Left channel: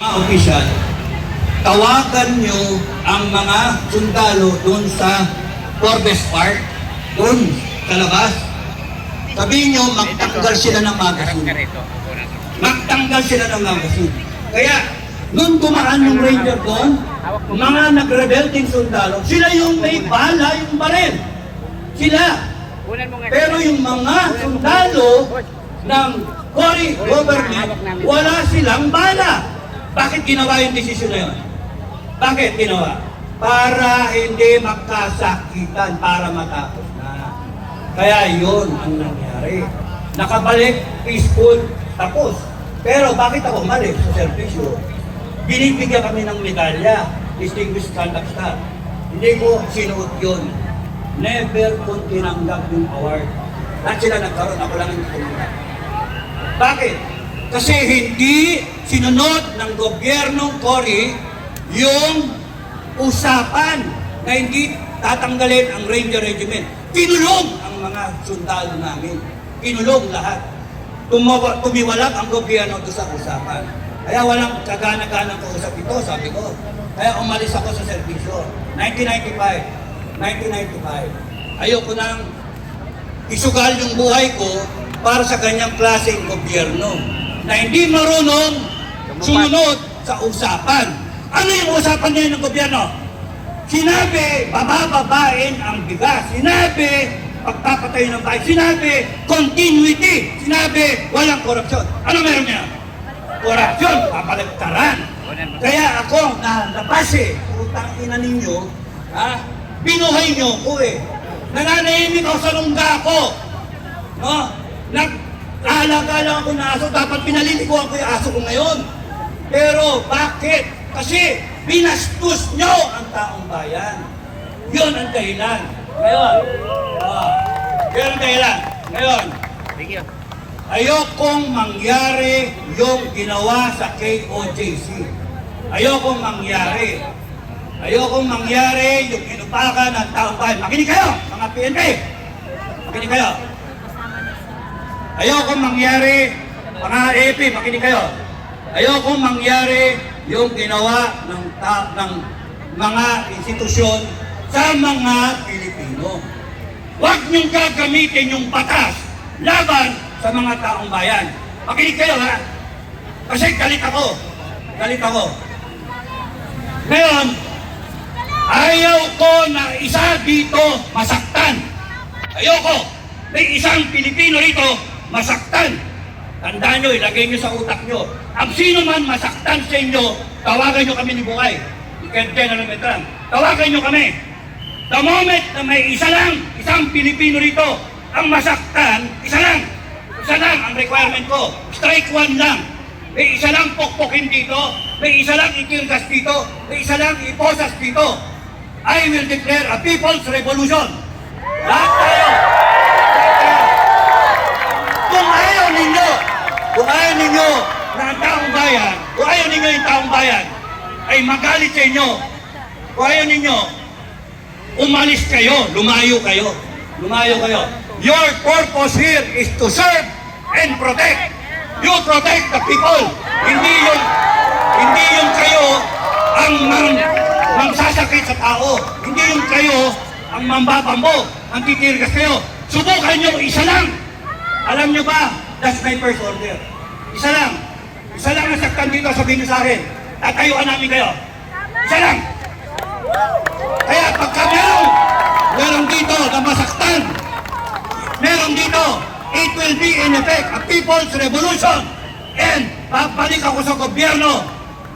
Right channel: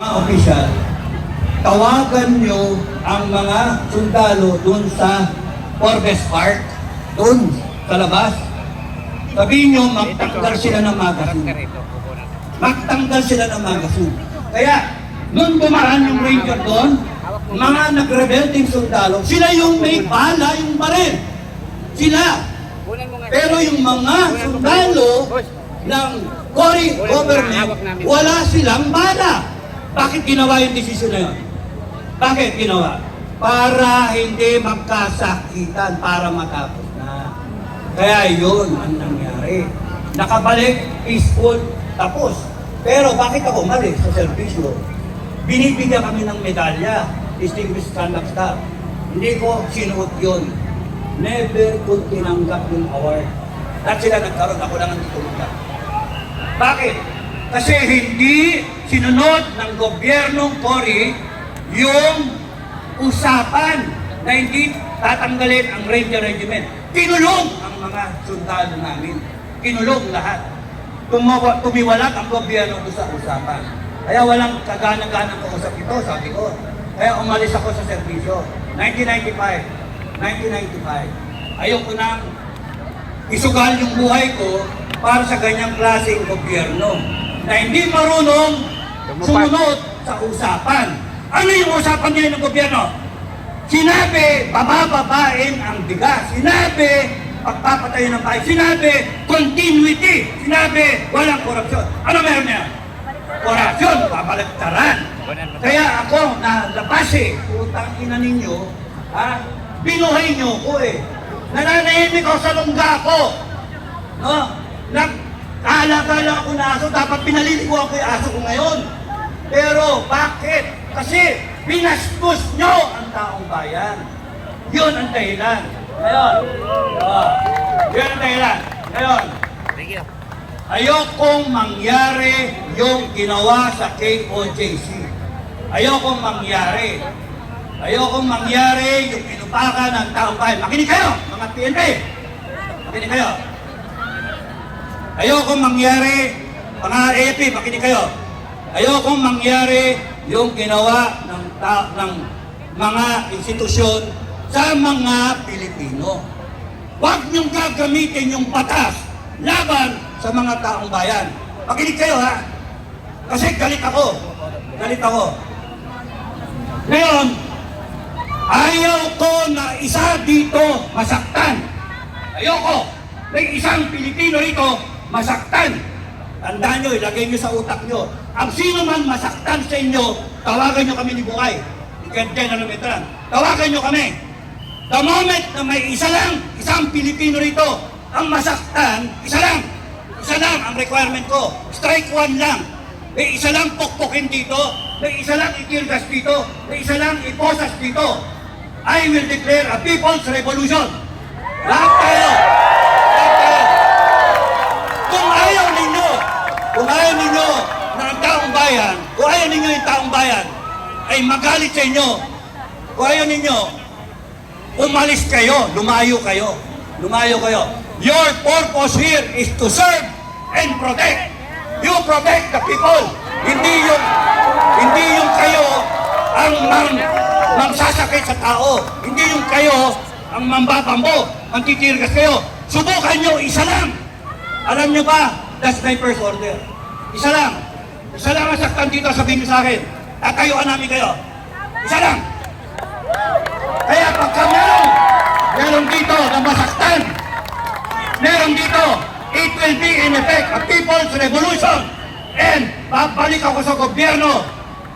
Mga opisyal, tawagan nyo ang mga sundalo dun sa Forbes Park, dun sa labas. Sabihin nyo, magtanggal sila ng magazine. Magtanggal sila ng magazine. Kaya, nung dumaan yung ranger doon, mga nag-rebelting sundalo, sila yung may bala, yung baril. Sila. Pero yung mga sundalo ng Cory government, wala silang bala. Bakit ginawa yung desisyon na yun? Bakit ginawa? Para hindi magkasakitan, para matapos na. Kaya yun ang nangyari. Nakabalik, peaceful, tapos. Pero bakit ako umalis sa servisyo? Binibigyan kami ng medalya, Distinguished Conduct Star. Hindi ko sinuot yun. Never kong tinanggap yung award. Lahat sila nagkaroon, ako lang ang tumanggap. Bakit? Kasi hindi sinunod ng gobyernong Cory yung usapan na hindi tatanggalin ang Ranger Regiment. Kinulong ang mga sundalo namin. Kinulong lahat. Tumiwalat ang gobyerno ito sa usapan. Kaya walang kagana-ganang kausap ito, sabi ko. Kaya umalis ako sa serbisyo. 1995. Ayoko nang isugal yung buhay ko para sa ganyang klaseng gobyerno na hindi marunong sumunod sa usapan. Ano yung usapan ngayon ng gobyerno? Sinabi, bababain ang bigas. Sinabi, pagpapatayo ng bahay. Sinabi, continuity. Sinabi, walang korupsyon. Ano meron niya? Korupsyon, babaliktaran. Kaya ako, nalabas utang ina ninyo, binuhay nyo ko Nananahimik ako sa lungga ko. No? Nag-aalaga lang ako na aso, dapat pinaliliguan ko yung aso ko ngayon. Pero bakit? Kasi binastos nyo ang taong bayan. Yun ang dahilan. Ngayon, yun ang dahilan. Ngayon, ayokong mangyari yung ginawa sa KOJC. Ayokong mangyari. Ayokong mangyari yung inupakan ng taong bayan. Makinig kayo, mga PNP. Makinig kayo. Ayokong mangyari, mga AFP, makinig kayo. Ayokong mangyari yung ginawa ng mga institusyon sa mga Pilipino. Huwag niyong gagamitin yung batas laban sa mga taong bayan. Makinig kayo kasi galit ako. Galit ako. Ngayon, ayaw ko na isa dito masaktan. Ayoko. May isang Pilipino rito masaktan. Tandaan nyo, ilagay nyo sa utak nyo. Ang sino man masaktan sa inyo, tawagan nyo kami ni Bukay. General Metran. Tawagan nyo kami. The moment na may isang Pilipino rito, ang masaktan, isa lang ang requirement ko. Strike one lang. May isa lang pokpokin dito, may isa lang itirgas dito, may isa lang iposas dito. I will declare a people's revolution. Lahat tayo. Kung ayaw ninyo na ang taong bayan, kung ayaw ninyo yung taong bayan ay magalit sa inyo, kung ayaw ninyo, umalis kayo, lumayo kayo. Your purpose here is to serve and protect. You protect the people. Hindi yung kayo ang magsasakit sa tao. Hindi yung kayo ang mambabambo, ang titirgas kayo. Subukan nyo, isa lang. Alam nyo ba, that's my first order. Isa lang ang saktan dito, sabihin nyo sa akin. Tatayuan namin kayo. Isa lang. Kaya pagka meron dito na masaktan, meron dito, it will be in effect a people's revolution. And babalik ako sa gobyerno.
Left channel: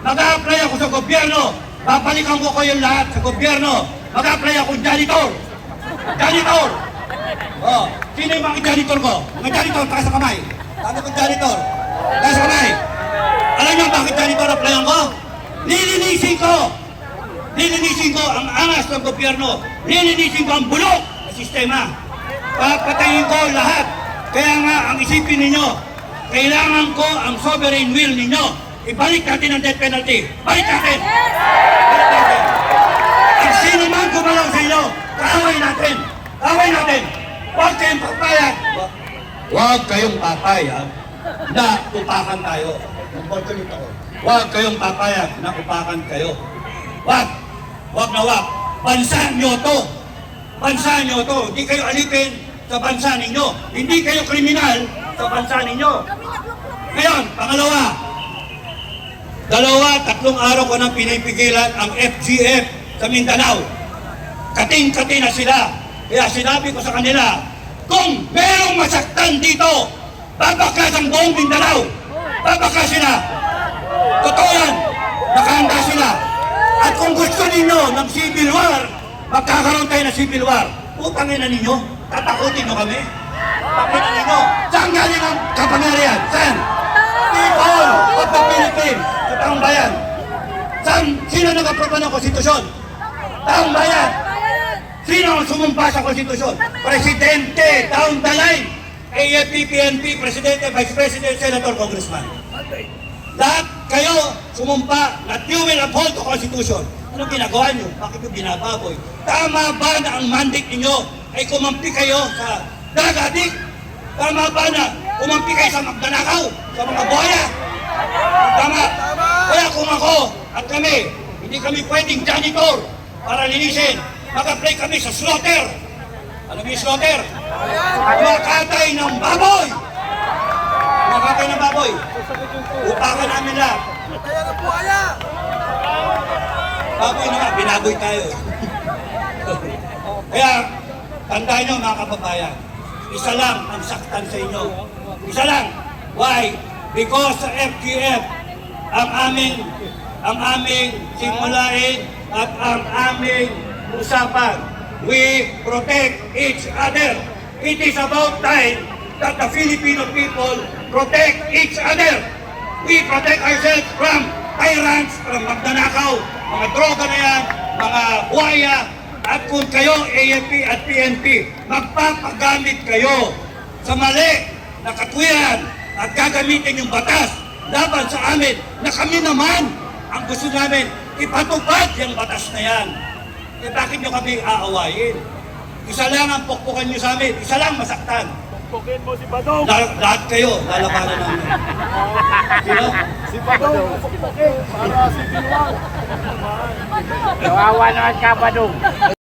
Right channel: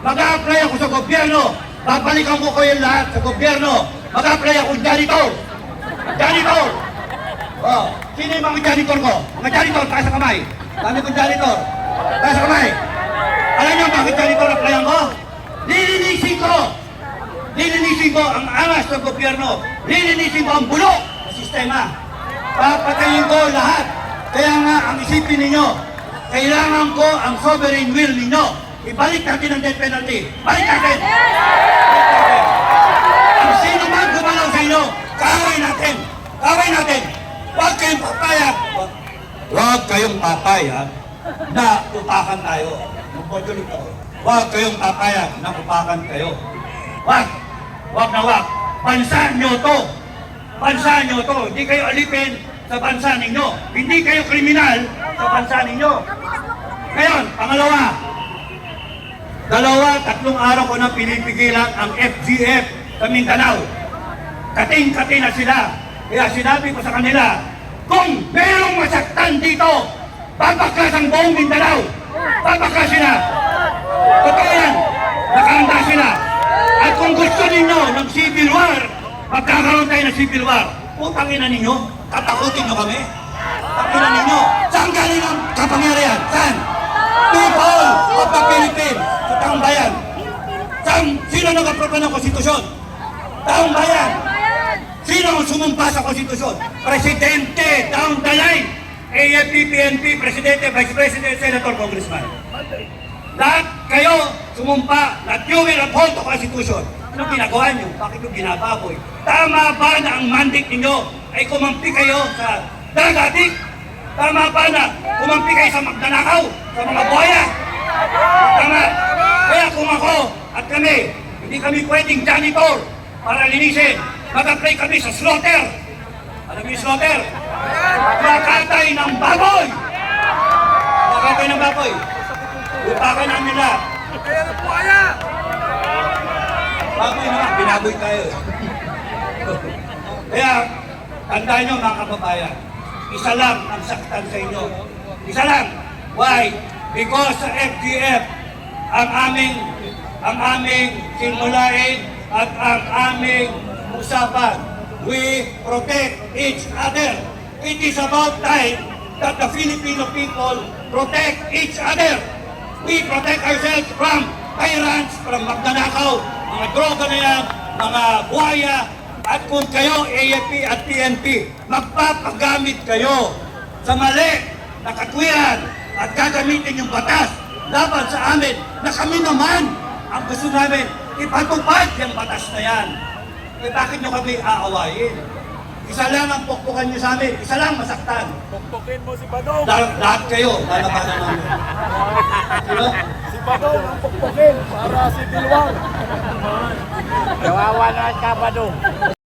Mag-a-apply ako sa gobyerno. Babalikan ko kayo lahat sa gobyerno. Mag-a-apply ako janitor. Sino yung mga janitor ko? Mga janitor, taas sa kamay. Dami kong janitor. Taas sa kamay. Alam niyo bakit janitor applyan ko? Lilinisin ko ang angas ng gobyerno. Lilinisin ko ang bulok na sistema. Papatayin ko lahat. Kaya nga, ang isipin ninyo, kailangan ko ang sovereign will ninyo. Ibalik natin ang death penalty. Balik natin. Ang sino man gumalaw sa inyo, kaaway natin. Huwag kayong papayag na upakan tayo. Mag-borjolate ako. Huwag kayong papayag na upakan kayo. Huwag. Huwag na huwag. Bansa nyo to. Bansa nyo to. Hindi kayo alipin sa bansa ninyo. Hindi kayo kriminal sa bansa ninyo. Ngayon, pangalawa. 2-3 araw ko nang pinipigilan ang FGF sa Mindanao. Kating-kati na sila. Kaya sinabi ko sa kanila, kung merong masaktan dito, babaklas ang buong Mindanao. Babaklasin na. Totoo yan. Nakahanda sila. At kung gusto ninyo ng civil war, magkakaroon tayo ng civil war. Putangin na ninyo. Tatakutin nyo kami. Tangin na ninyo. Saan galing ang kapangyarihan? Saan? People of the Philippines. Sa taong bayan. Saan? Sino nag-aproba ng konstitusyon? Taong bayan. Sino ang sumumpa sa konstitusyon? Presidente, down the line. AFP, PNP, Presidente, Vice President, Senator, Congressman. Lahat kayo sumumpa na you will uphold the Constitution. Anong ginagawa nyo? Bakit nyo binababoy? Tama ba na ang mandate ninyo ay kumampi kayo sa dagadik? Tama ba na kumampi kayo sa magnanakaw, sa mga buhaya? Tama. Kaya kung ako at kami, hindi kami pwedeng janitor para linisin. Mag-apply kami sa slaughter. Alam niyo yung slaughter? Makatay ng baboy! Makatay ng baboy. Upakan namin lahat. Baboy naman, binaboy tayo. Kaya, tandaan nyo mga kababayan, isa lang ang saktan sa inyo. Isa lang. Why? Because sa FGF, ang aming simulain at ang aming usapan, we protect each other. It is about time that the Filipino people protect each other. We protect ourselves from tyrants, from magnanakaw, mga droga na yan, mga buhaya, at kung kayo, AFP at PNP, magpapagamit kayo sa mali na katwiran at gagamitin yung batas laban sa amin na kami naman ang gusto namin ipatupad yung batas na yan. Eh bakit nyo kami aawayin? Isa lang ang pukpukan nyo sa amin, isa lang masaktan. Pukpukin mo si Badong. Lahat kayo, lalabanan namin. Sino? Si Badong, pukpukin. Sana si Bilwang. Kawawa naman ka, Badong.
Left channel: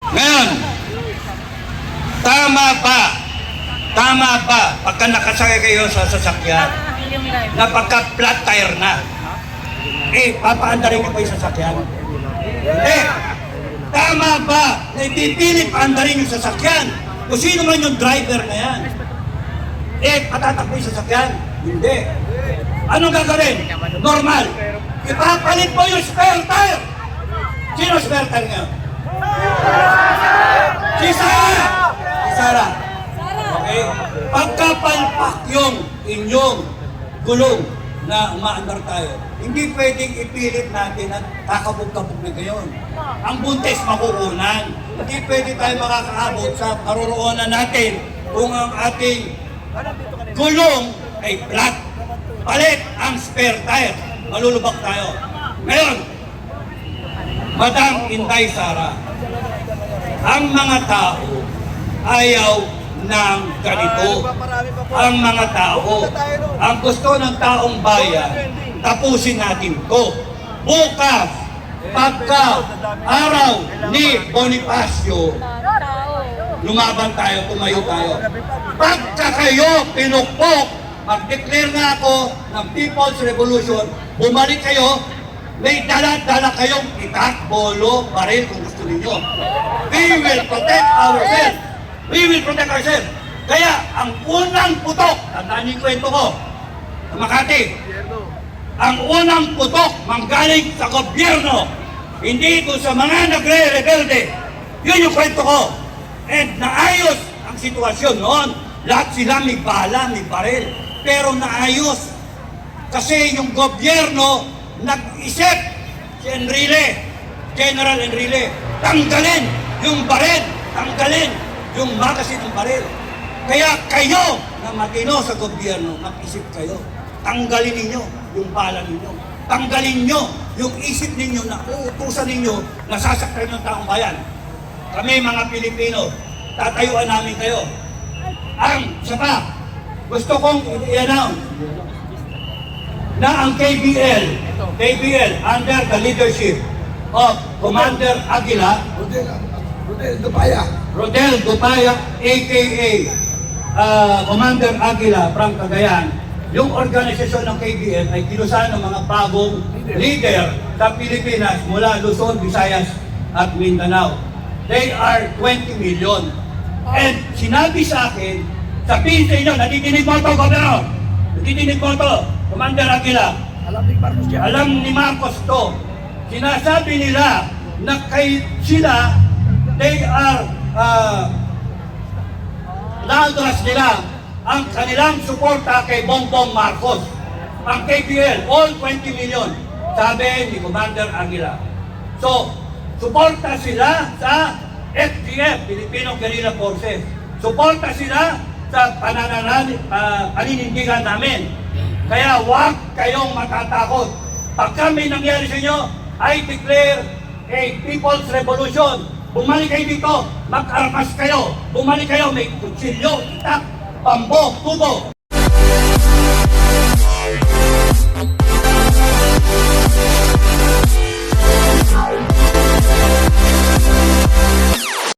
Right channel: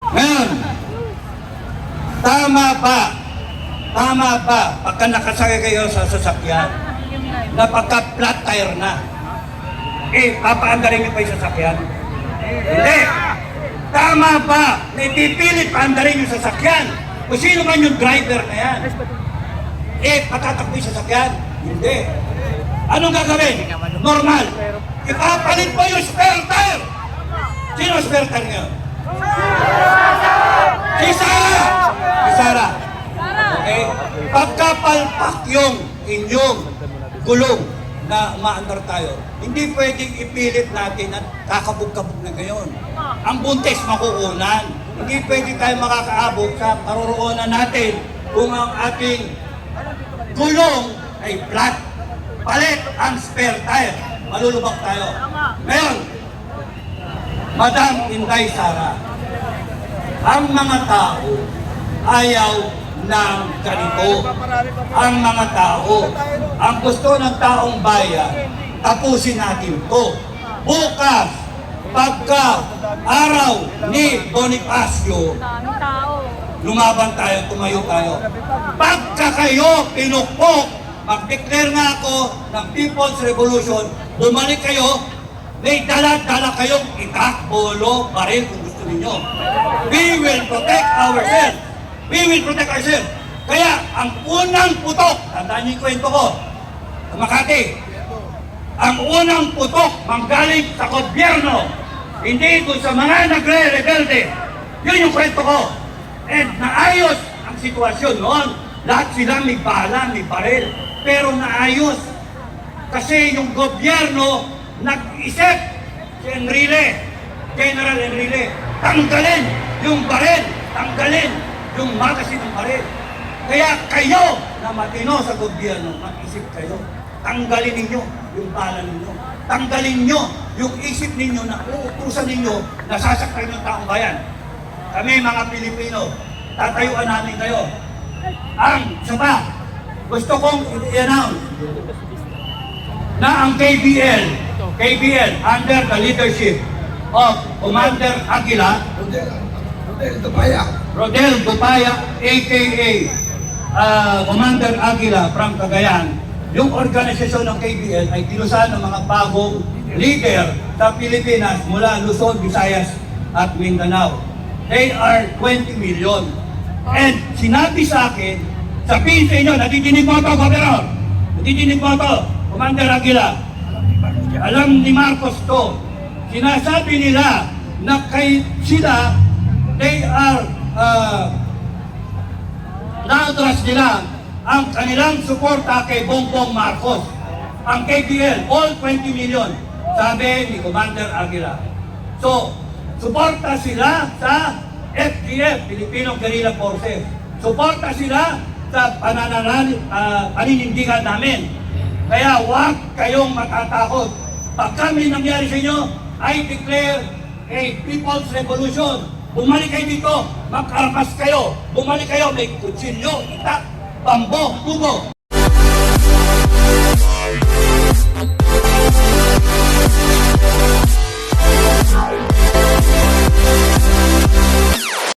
Ngayon, tama ba, pagka nakasakay kayo sa sasakyan, na pagka flat tire na, papaandarin nyo pa yung sasakyan? Hindi! Tama ba na ipipilit paandarin yung sasakyan? Kung sino man yung driver na yan, patatakbo yung sasakyan? Hindi. Anong gagawin? Normal. Ipapalit mo yung spare tire. Sino ang spare tire ngayon? Si Sara! Si Sara. Okay? Pagkapalpak yung inyong gulong na umaandar tayo, hindi pwedeng ipilit natin at kakabog-kabog na gayon. Ang buntis makukunan. Hindi pwede tayo makakaabot sa paroroonan natin kung ang ating gulong ay flat. Palit ang spare tire. Malulubak tayo. Ngayon, Madam Inday Sara, ang mga tao ayaw ng ganito. Ang mga tao, ang gusto ng taong bayan, tapusin natin to. Bukas, pagka araw ni Bonifacio, lumaban tayo, tumayo tayo. Pagka kayo pinukpok, mag-declare nga ako ng People's Revolution, bumalik kayo, may dala-dala kayong itak, bolo, baril kung gusto ninyo. We will protect ourselves. We will protect ourselves. Kaya ang unang putok, tandaan niyo yung kwento ko, sa Makati, ang unang putok manggaling sa gobyerno, hindi doon sa mga nagre-rebelde. Yun yung kwento ko. And naayos ang sitwasyon noon. Lahat sila may bala, may baril. Pero naayos. Kasi yung gobyerno nag-isip, si Enrile, General Enrile, tanggalin yung baril, tanggalin yung magasin ng baril. Kaya kayo na matino sa gobyerno, mag-isip kayo. Tanggalin ninyo yung bala ninyo. Tanggalin nyo yung isip ninyo na uutusan ninyo na sasaktan ng taong bayan. Kami mga Pilipino, tatayuan namin kayo. Ang isa pa, gusto kong i-announce na ang KBL KBL under the leadership of Commander Aguila, Rodel Dupaya, aka Commander Aguila from Cagayan, yung organisasyon ng KBL ay kinusan ng mga bagong leader sa Pilipinas mula Luzon, Visayas at Mindanao. They are 20 million. And sinabi sa akin, sabihin sa inyo, natidinig mo ito, Governor! Natidinig mo ito, Commander Aguila. Alam ni Marcos to. Sinasabi nila na sila, they are na-address nila ang kanilang suporta kay Bongbong Marcos. Ang KBL, all 20 million, sabi ni Commander Aguila. So, suporta sila sa FGF, Filipino Guerrilla Forces. Suporta sila sa paninindigan namin. Kaya huwag kayong matatakot. Pag kami nangyari sa inyo, I declare a People's Revolution. Bumalik kayo dito, mag-armas kayo. Bumalik kayo, may kutsilyo, itak, pambok, tubo.